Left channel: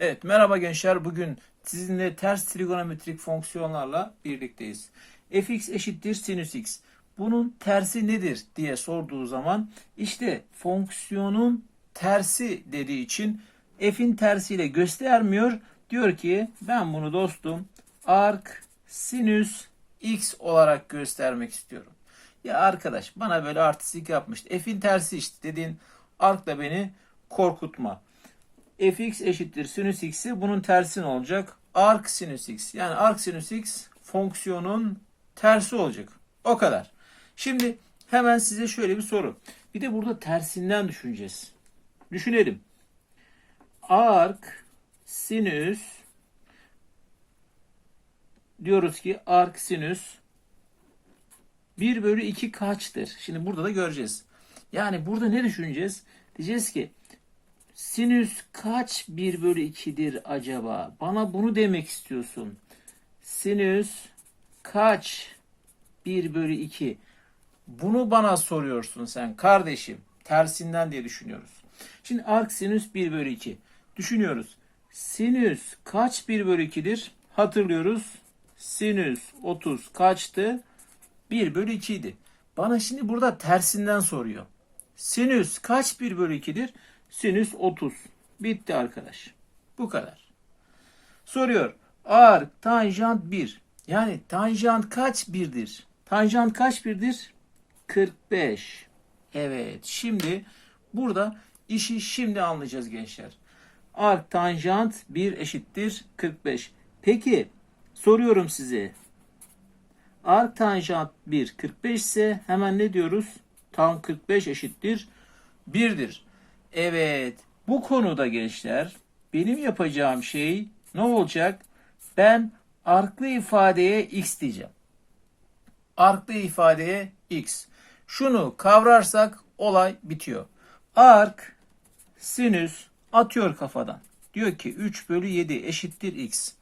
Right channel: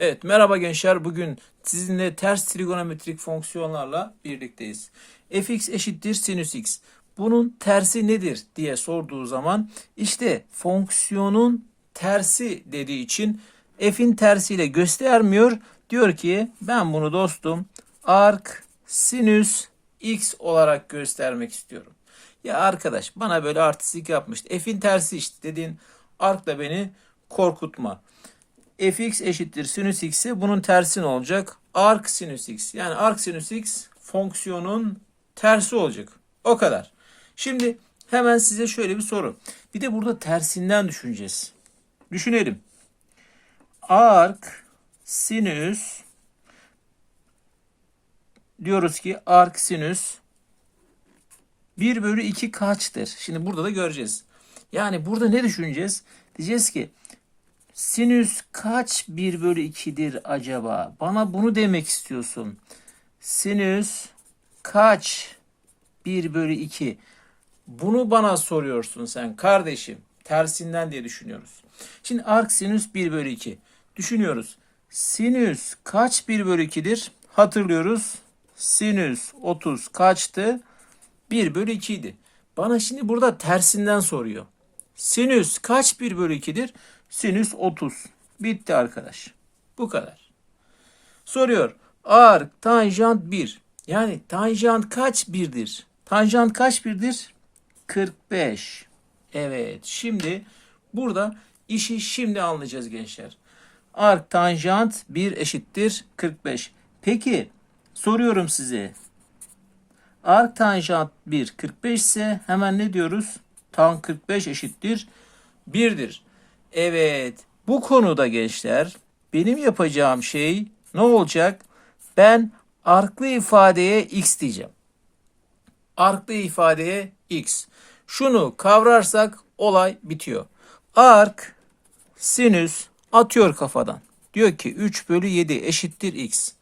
Evet merhaba gençler bugün sizinle ters trigonometrik fonksiyonlarla birlikteyiz. fx eşittir sinüs x. Bunun tersi nedir diye sorduğu zaman işte fonksiyonun tersi dediği için f'in tersiyle göstermiyor. Diyor ki ben bunu dostum arc sinüs x olarak göstermek istiyorum. Ya arkadaş bana böyle artistik yapmıştı. F'in tersi işte dediğin arc'la beni korkutma fx eşittir sinüs x bunun tersi ne olacak? Arc sinüs x. Yani arc sinüs x fonksiyonun tersi olacak. O kadar. Şimdi hemen size şöyle bir soru. Bir de burada tersinden düşüneceğiz. Düşünelim. Arc sinüs diyoruz ki arc sinüs 1 bölü 2 kaçtır? Şimdi burada da göreceğiz. Yani burada ne düşüneceğiz? Diyeceğiz ki Sinüs kaç 1 bölü 2'dir acaba? Bana bunu demek istiyorsun. Sinüs kaç 1 bölü 2? Bunu bana soruyorsun sen kardeşim. Tersinden diye düşünüyoruz. Şimdi arc sinüs 1 bölü 2. Düşünüyoruz. Sinüs kaç 1 bölü 2'dir? Hatırlıyoruz. Sinüs 30 kaçtı? 1 bölü 2 idi. Bana şimdi burada tersinden soruyor. Sinüs kaç 1 bölü 2'dir? Sinüs 30. Bitti arkadaş. Bu kadar. Soruyor. Arc tanjant 1. Yani tanjant kaç birdir? Tanjant kaç birdir? 45. Evet. Şimdi burada işi şimdi anlayacağız gençler. Arc tanjant 1 eşittir 45. Peki soruyorum size. Arc tanjant 1 45 ise hemen ne diyoruz? Tan 45 eşittir 1'dir. Evet, bu konuda gençler benim yapacağım şey ne olacak? Ben arklı ifadeye x diyeceğim. Arklı ifadeye x. Şunu kavrarsak olay bitiyor. Ark sinüs atıyor kafadan. Diyor ki 3 bölü 7 eşittir x.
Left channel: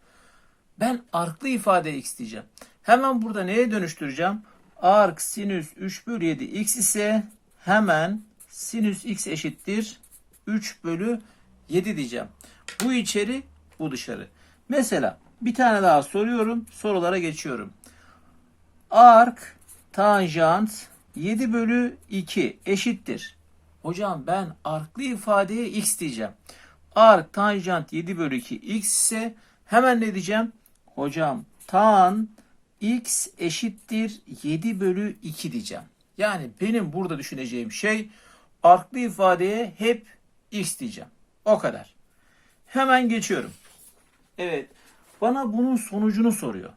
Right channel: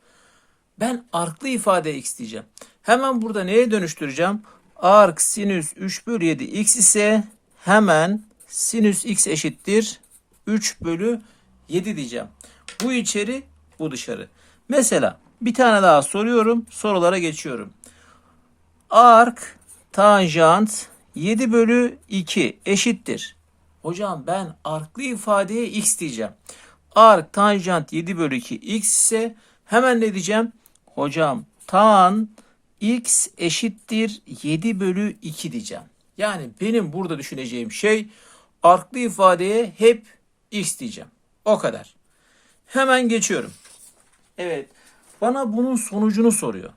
Ben arklı ifade x diyeceğim. Hemen burada neye dönüştüreceğim? Ark sinüs 3 bölü 7 x ise hemen sinüs x eşittir 3 bölü 7 diyeceğim. Bu içeri bu dışarı. Mesela bir tane daha soruyorum. Sorulara geçiyorum. Ark tanjant 7 bölü 2 eşittir. Hocam ben arklı ifadeye x diyeceğim. Ark tanjant 7 bölü 2 x ise hemen ne diyeceğim? Hocam tan x eşittir 7 bölü 2 diyeceğim. Yani benim burada düşüneceğim şey arklı ifadeye hep x diyeceğim. O kadar. Hemen geçiyorum. Evet. Bana bunun sonucunu soruyor.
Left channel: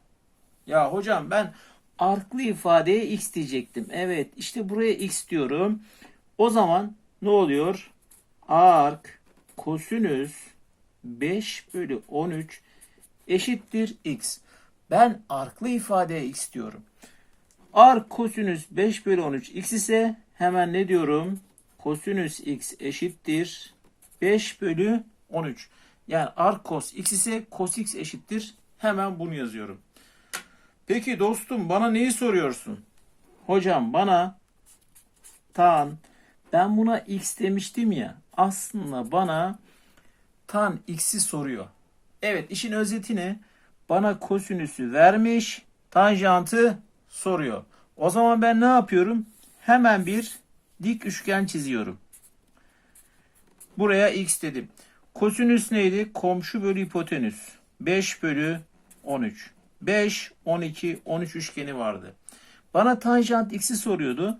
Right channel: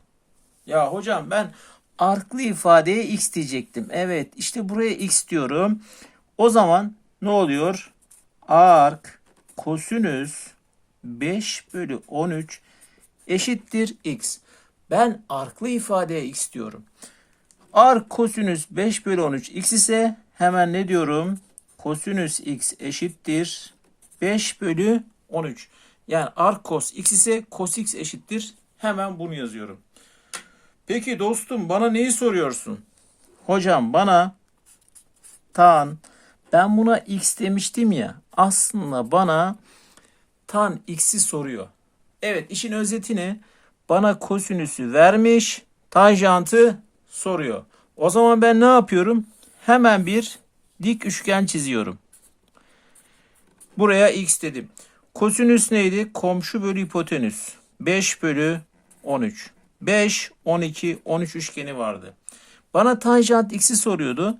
Ya hocam ben arklı ifadeye x diyecektim. Evet işte buraya x diyorum. O zaman ne oluyor? Ark kosinüs 5 bölü 13 eşittir x. Ben arklı ifadeye x diyorum. Ark kosinüs 5 bölü 13 x ise hemen ne diyorum? Kosinüs x eşittir 5 bölü 13. Yani arc cos x ise cos x eşittir. Hemen bunu yazıyorum. Peki dostum bana neyi soruyorsun? Hocam bana tan ben buna x demiştim ya. Aslında bana tan x'i soruyor. Evet işin özeti ne? Bana kosinüsü vermiş. Tanjantı soruyor. O zaman ben ne yapıyorum? Hemen bir dik üçgen çiziyorum. Buraya x dedim. Kosinüs neydi? Komşu bölü hipotenüs. 5 bölü 13. 5, 12, 13 üçgeni vardı. Bana tanjant x'i soruyordu.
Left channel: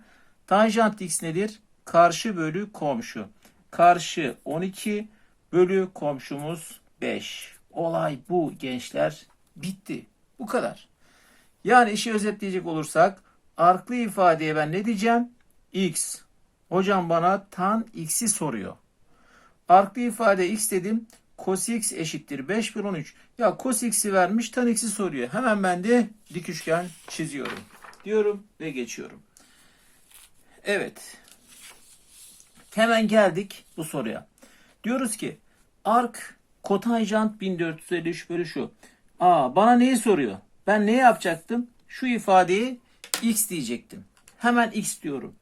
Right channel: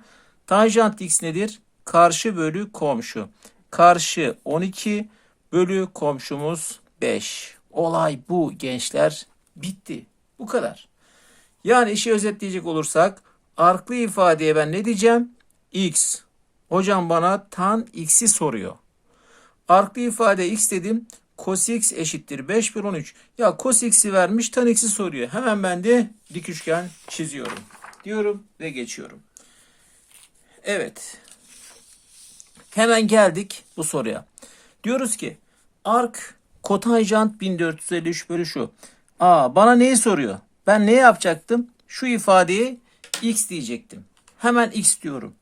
Tanjant x nedir? Karşı bölü komşu. Karşı 12 bölü komşumuz 5. Olay bu gençler. Bitti. Bu kadar. Yani işi özetleyecek olursak arklı ifadeye ben ne diyeceğim? x. Hocam bana tan x'i soruyor. Arklı ifade x dedim. Cos x eşittir 5 bölü 13. Ya cos x'i vermiş tan x'i soruyor. Hemen ben de dik üçgen çiziyorum. Diyorum ve geçiyorum. Evet. Hemen geldik bu soruya. Diyoruz ki ark kotanjant 1453 bölü şu. Aa bana neyi soruyor? Ben ne yapacaktım? Şu ifadeyi x diyecektim. Hemen x diyorum.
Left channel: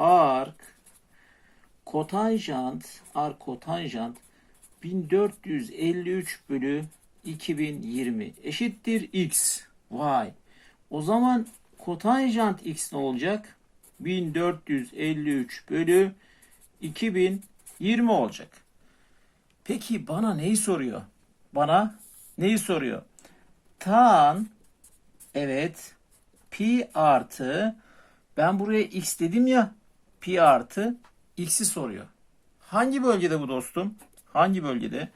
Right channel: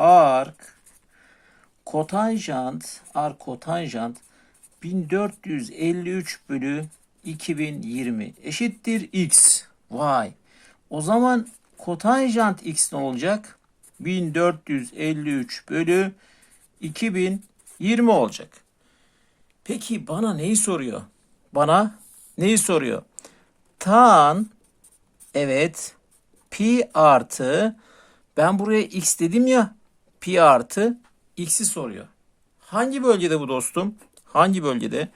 Ark kotanjant, ark kotanjant 1453 bölü 2020 eşittir x. Vay. O zaman kotanjant x ne olacak? 1453 bölü 2020 olacak. Peki bana neyi soruyor? Bana neyi soruyor? Tan evet pi artı ben buraya x dedim ya pi artı x'i soruyor. Hangi bölgede bu dostum? Hangi bölgede?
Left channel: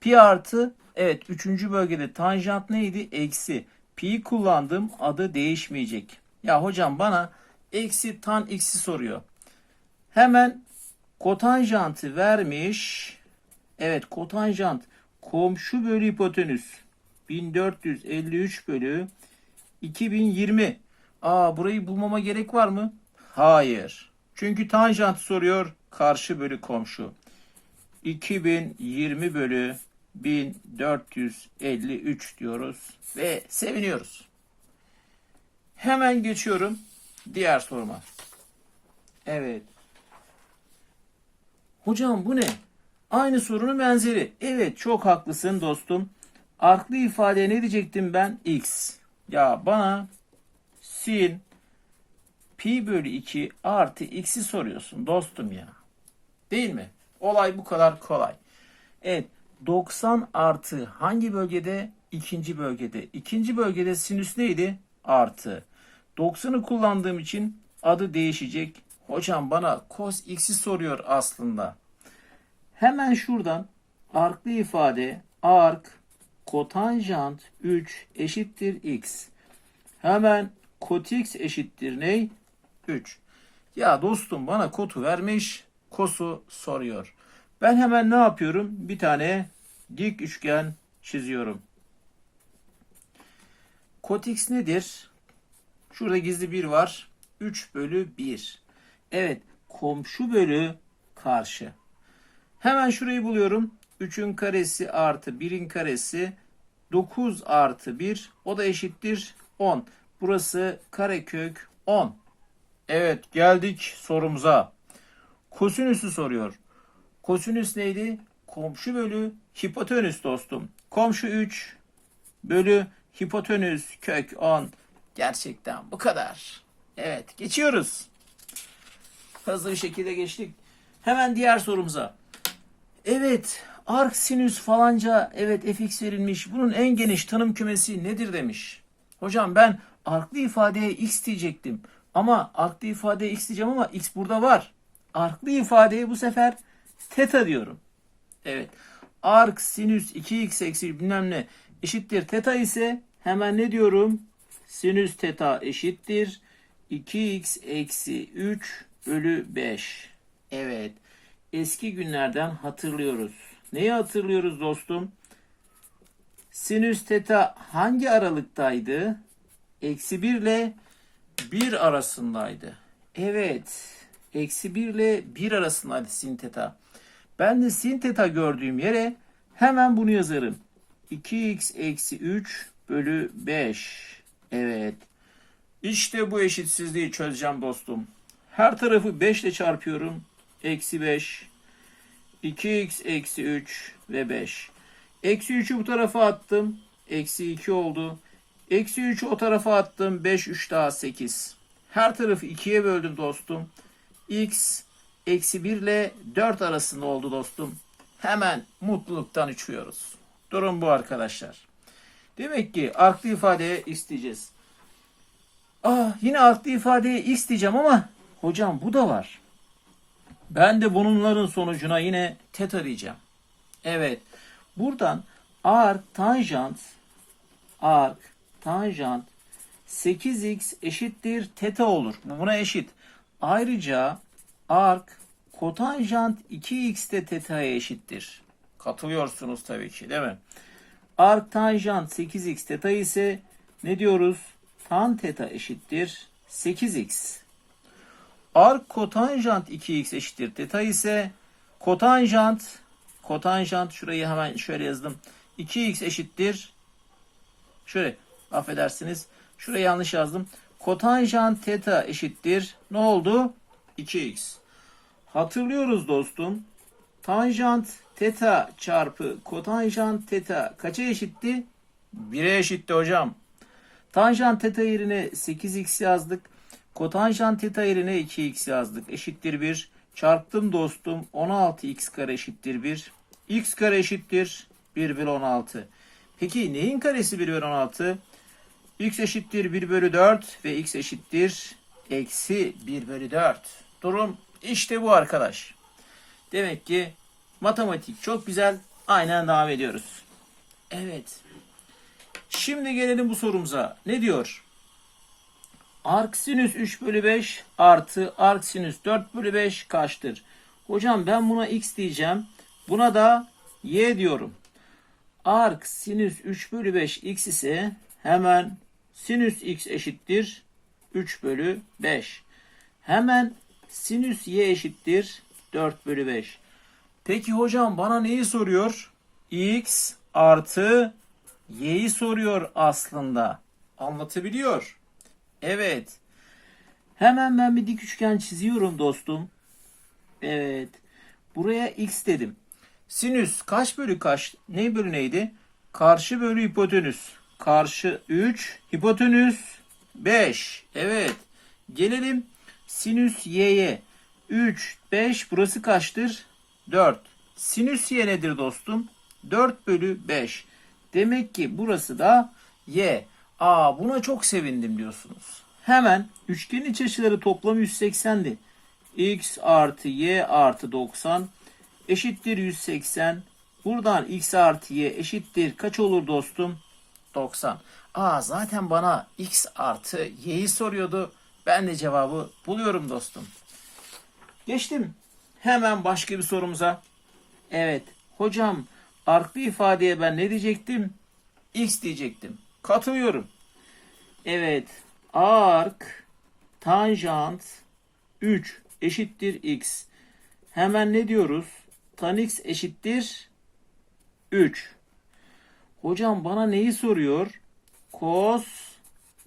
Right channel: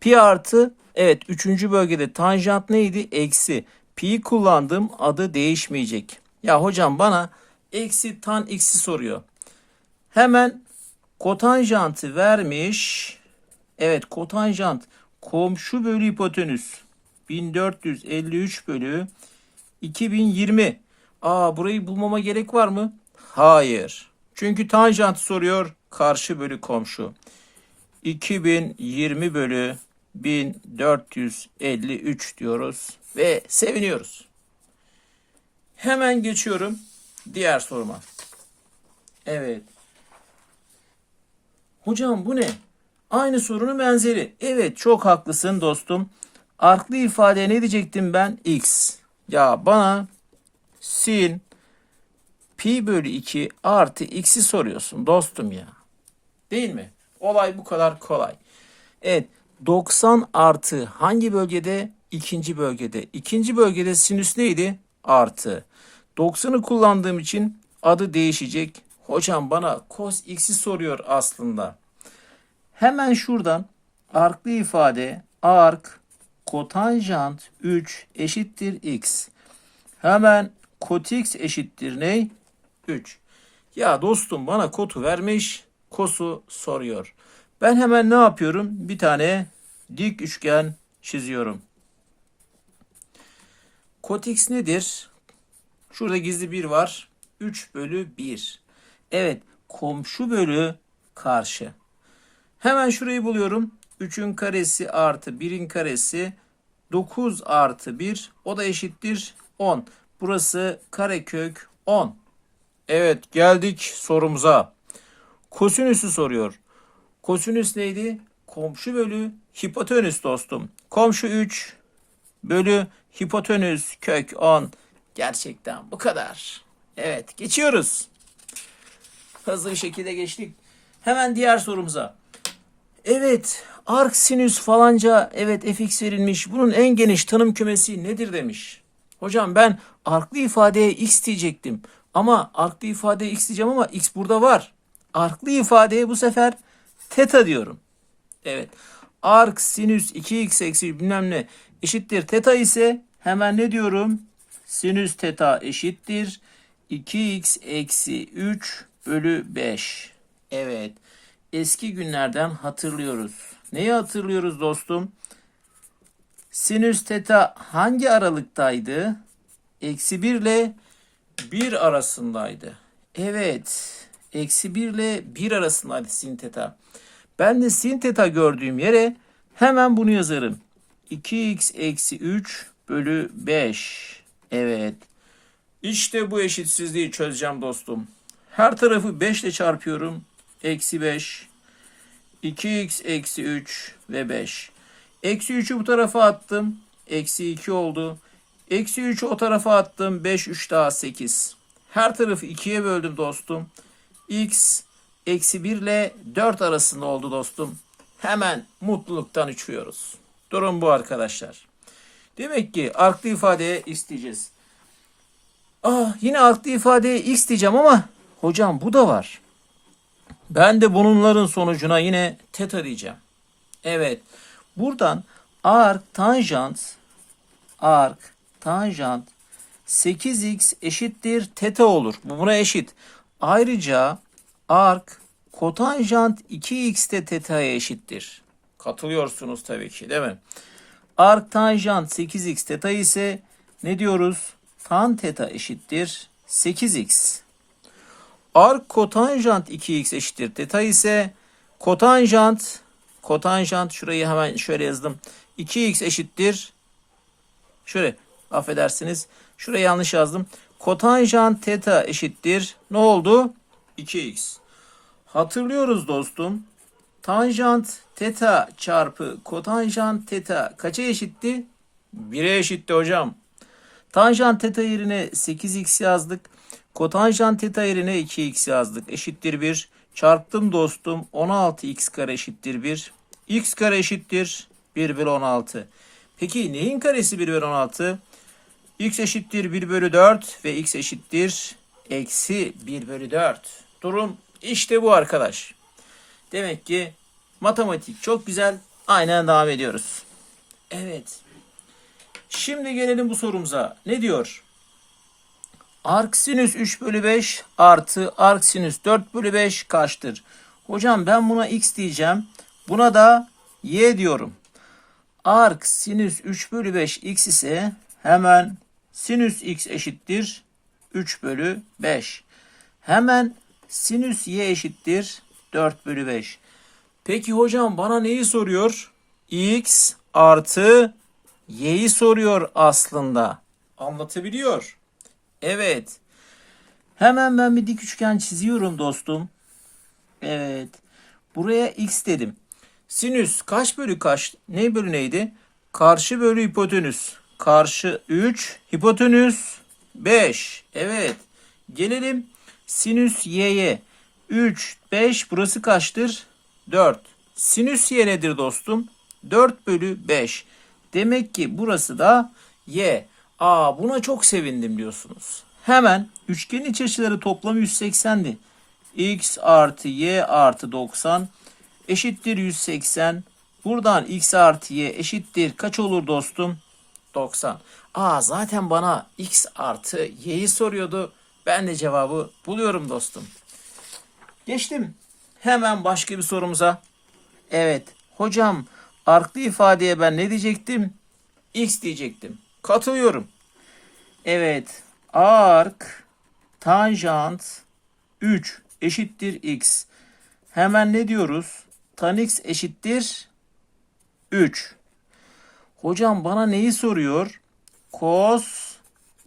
Pi artı evet üçüncü bölgede tanjant neydi? Eksi. Pi kullandım adı değişmeyecek. Ya hocam bana eksi tan x'i soruyor. Hemen kotanjantı vermiş. Evet kotanjant komşu bölü hipotenüs 1453 bölü 2020. Aa burayı bulmama gerek var mı? Hayır. Çünkü tanjant soruyor karşı bölü komşu. 2020 bölü 1453 diyoruz ve seviniyoruz. Hemen geçiyorum diğer soruma. Evet. Hocam bu ne? Aynı sorunun benzeri. Evet çok haklısın dostum. Arklı ifadeye ne diyecektim ben? X. Ya bana sin pi bölü 2 artı x'i soruyorsun dostum ya. Değil mi? Olay bu kadar kolay. Evet 90 artı hangi bölgede? İkinci bölgede. İkinci bölgede sinüs neydi? Artı. 90'ı kullandığım için adı değişecek. Hocam bana cos x'i soruyor aslında. Hemen şuradan arklı ifade ark kotanjant 3 eşittir x. Hemen kot x eşittir ne? 3. Ya dostum bana kotu vermiş, kosu soruyor. Ben hemen ne yapıyorum? Bir tane dik üçgen çiziyorum. Kot x nedir? Şurada gizli bir var. 3 bölü 1. Evet komşu bölü karşı. Hemen şurayı buluyorum. 3'ün karesi artı 1'in karesi 9 artı 1 o da eşittir 10. Burası karekök 10. Evet geldik sorumuza. Kosinüsü soruyor. Kosinüs neydi? Komşu bölü hipotenüs dostum. Komşu 3 bölü hipotenüs kök 10. Gerçekten bu kadar. Evet geçiyoruz. Hızlı bir şekilde geçtik. Hemen diğer sorumuza. Evet arc sinüs falanca evet fx verilmiş. Bunun en geniş tanım kümesi nedir demiş. Hocam ben arklı ifadeye x diyecektim. Ama arklı ifadeye x diyeceğim ama x burada var. Arklı ifadeye bu sefer teta diyorum. Evet. Arc sinüs 2x eksi bilmem ne eşittir teta ise hemen ne diyorum? Sinüs teta eşittir 2x eksi 3 bölü 5. Evet. Eski günlerden hatırlıyoruz. Neyi hatırlıyoruz dostum? Sinüs teta hangi aralıktaydı? Eksi 1 ile 1 arasındaydı. Evet. Eksi 1 ile 1 arasındaydı sin teta. Ben de sin teta gördüğüm yere hemen bunu yazarım. 2x eksi 3 bölü 5. Evet. İşte bu eşitsizliği çözeceğim dostum. Her tarafı 5 ile çarpıyorum. Eksi 5. 2x eksi 3 ve 5. Eksi 3'ü bu tarafa attım. Eksi 2 oldu. Eksi 3'ü o tarafa attım. 5, 3 daha 8. Her tarafı 2'ye böldüm dostum. x eksi 1 ile 4 arasında oldu dostum. Hemen mutluluktan uçuyoruz. Durum bu arkadaşlar. Demek ki arklı ifadeye isteyeceğiz. Ah yine arklı ifadeye x diyeceğim ama hocam bu da var. Ben de bunların sonucuna yine teta diyeceğim. Evet. Buradan arc tanjant arc tanjant 8x eşittir teta olur. Bu buna eşit. Ayrıca arc kotanjant 2x de teta'ya eşittir. Katılıyorsunuz tabii ki değil mi? Arc tanjant 8x teta ise ne diyoruz? Tan teta eşittir 8x. Arc kotanjant 2x eşittir teta ise kotanjant kotanjant şurayı hemen şöyle yazdım. 2x eşittir şöyle affedersiniz. Şurayı yanlış yazdım. Kotanjant teta eşittir ne oldu? 2x. Hatırlıyoruz dostum. tanjant teta çarpı kotanjant teta kaça eşitti? 1'e eşitti hocam. Tanjant teta yerine 8x yazdık. Kotanjant teta yerine 2x yazdık. Eşittir 1. Çarptım dostum. 16x kare eşittir 1. x kare eşittir 1 bölü 16. Peki neyin karesi 1 bölü 16? X eşittir 1 bölü 4 ve x eşittir eksi 1 bölü 4. Durum işte bu arkadaş. Demek ki matematik çok güzel. Aynen devam ediyoruz. Evet. Şimdi gelelim bu sorumuza. Ne diyor? Arc sinüs 3 bölü 5 artı arc sinüs 4 bölü 5 kaçtır? Hocam ben buna x diyeceğim. Buna da y diyorum. Arc sinüs 3 bölü 5 x ise hemen sinüs x eşittir 3 bölü 5. Hemen sinüs y eşittir 4 bölü 5. Peki hocam bana neyi soruyor? x artı y'yi soruyor aslında. Anlatabiliyor. Evet. Hemen ben bir dik üçgen çiziyorum dostum. Evet. Buraya x dedim. Sinüs kaç bölü kaç? Ne bölü neydi? Karşı bölü hipotenüs. Karşı 3, hipotenüs 5. Evet. Gelelim sinüs y'ye. 3, 5 burası kaçtır? 4. Sinüs y nedir dostum? 4 bölü 5. Demek ki burası da y. Aa buna çok sevindim diyorsunuz. Hemen üçgenin iç açıları toplamı 180'di. x artı y artı 90 eşittir 180. Buradan x artı y eşittir kaç olur dostum? 90. Aa zaten bana x artı y'yi soruyordu. Ben de cevabı buluyorum dostum. Geçtim. Hemen başka bir sorumuza. Evet. Hocam arklı ifadeye ben ne diyecektim? X diyecektim. Katılıyorum. Evet. Ark tanjant 3 eşittir x. Hemen ne diyoruz? Tan x eşittir 3. Hocam bana neyi soruyor? Cos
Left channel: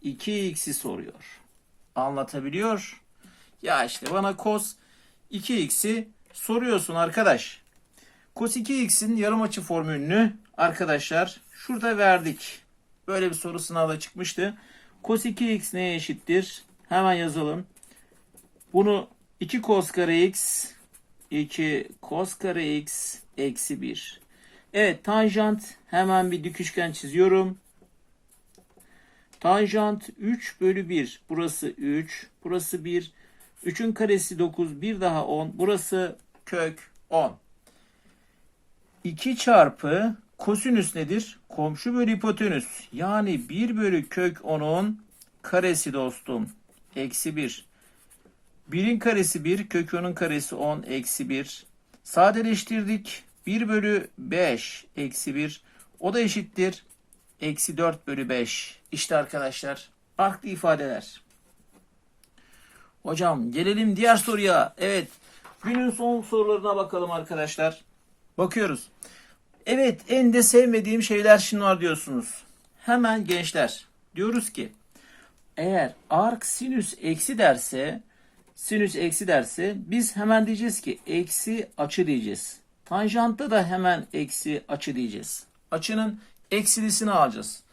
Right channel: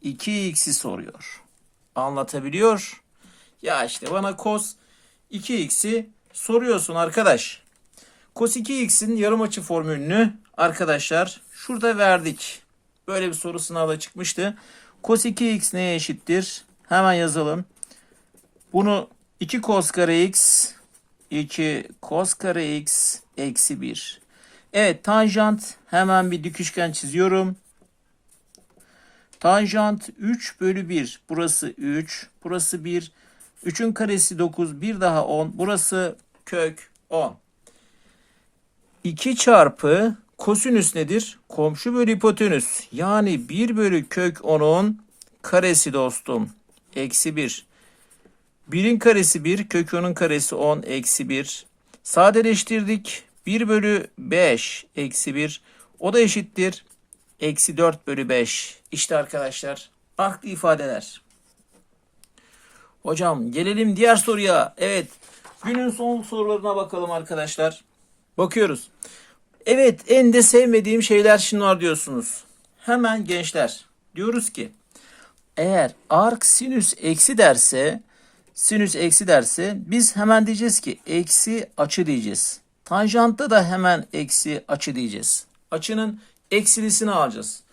2x'i soruyor. Anlatabiliyor. Ya işte bana cos 2x'i soruyorsun arkadaş. Cos 2x'in yarım açı formülünü arkadaşlar şurada verdik. Böyle bir soru sınavda çıkmıştı. Cos 2x neye eşittir? Hemen yazalım. Bunu 2 cos kare x 2 cos kare x eksi 1. Evet tanjant hemen bir dik üçgen çiziyorum. Tanjant 3 bölü 1. Burası 3. Burası 1. 3'ün karesi 9. Bir daha 10. Burası kök 10. 2 çarpı kosinüs nedir? Komşu bölü hipotenüs. Yani 1 bölü kök 10'un karesi dostum. Eksi 1. 1'in karesi 1. Kök 10'un karesi 10. Eksi 1. Sadeleştirdik. 1 bölü 5. Eksi 1. O da eşittir. Eksi 4 bölü 5. İşte arkadaşlar. Farklı ifadeler. Hocam gelelim diğer soruya. Evet. Günün son sorularına bakalım arkadaşlar. Bakıyoruz. Evet en de sevmediğim şeyler şunlar diyorsunuz. Hemen gençler diyoruz ki eğer arc sinüs eksi derse sinüs eksi derse biz hemen diyeceğiz ki eksi açı diyeceğiz. Tanjantta da hemen eksi açı diyeceğiz. Açının eksilisini alacağız.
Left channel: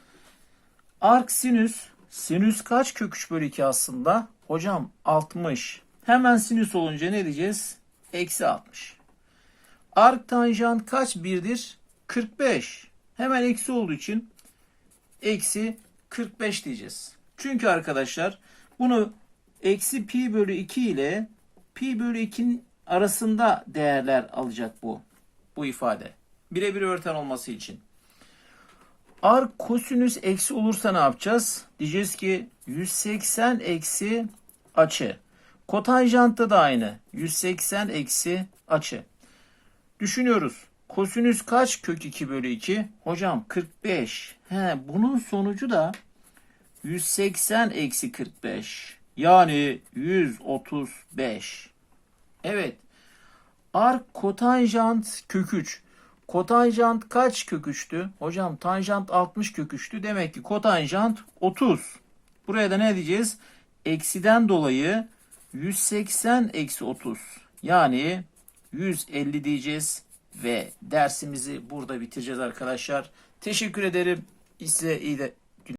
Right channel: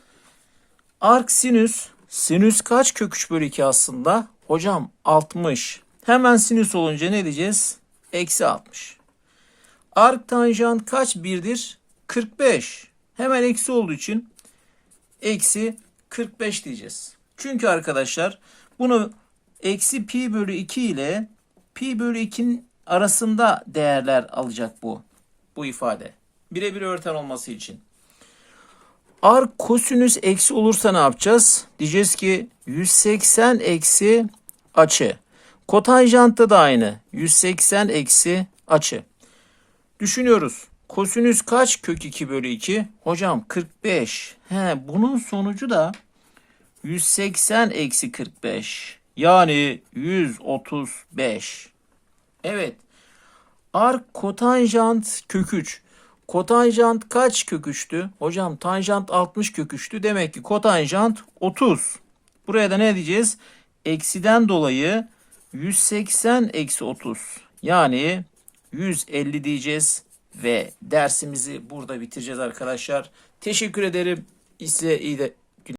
Arc sinüs sinüs kaç kök 3 bölü 2 aslında? Hocam 60. Hemen sinüs olunca ne diyeceğiz? Eksi 60. Arc tanjant kaç birdir? 45. Hemen eksi olduğu için eksi 45 diyeceğiz. Çünkü arkadaşlar bunu eksi pi bölü 2 ile pi bölü 2'nin arasında değerler alacak bu. Bu ifade. Birebir öğreten olması için. Arc kosinüs eksi olursa ne yapacağız? Diyeceğiz ki 180 eksi açı. Kotanjantta da aynı. 180 eksi açı. Düşünüyoruz. Kosinüs kaç kök 2 bölü 2? Hocam 45. He, bunun sonucu da 180 eksi 45. Yani 135. Evet. Ark kotanjant kök 3. Kotanjant kaç kök 3'tü? Hocam tanjant 60 kök 3'tü. Demek ki kotanjant 30. Buraya da ne diyeceğiz? Eksiden dolayı 180 eksi 30. Yani 150 diyeceğiz ve dersimizi burada bitireceğiz arkadaşlar. Teşekkür ederim. Size iyi de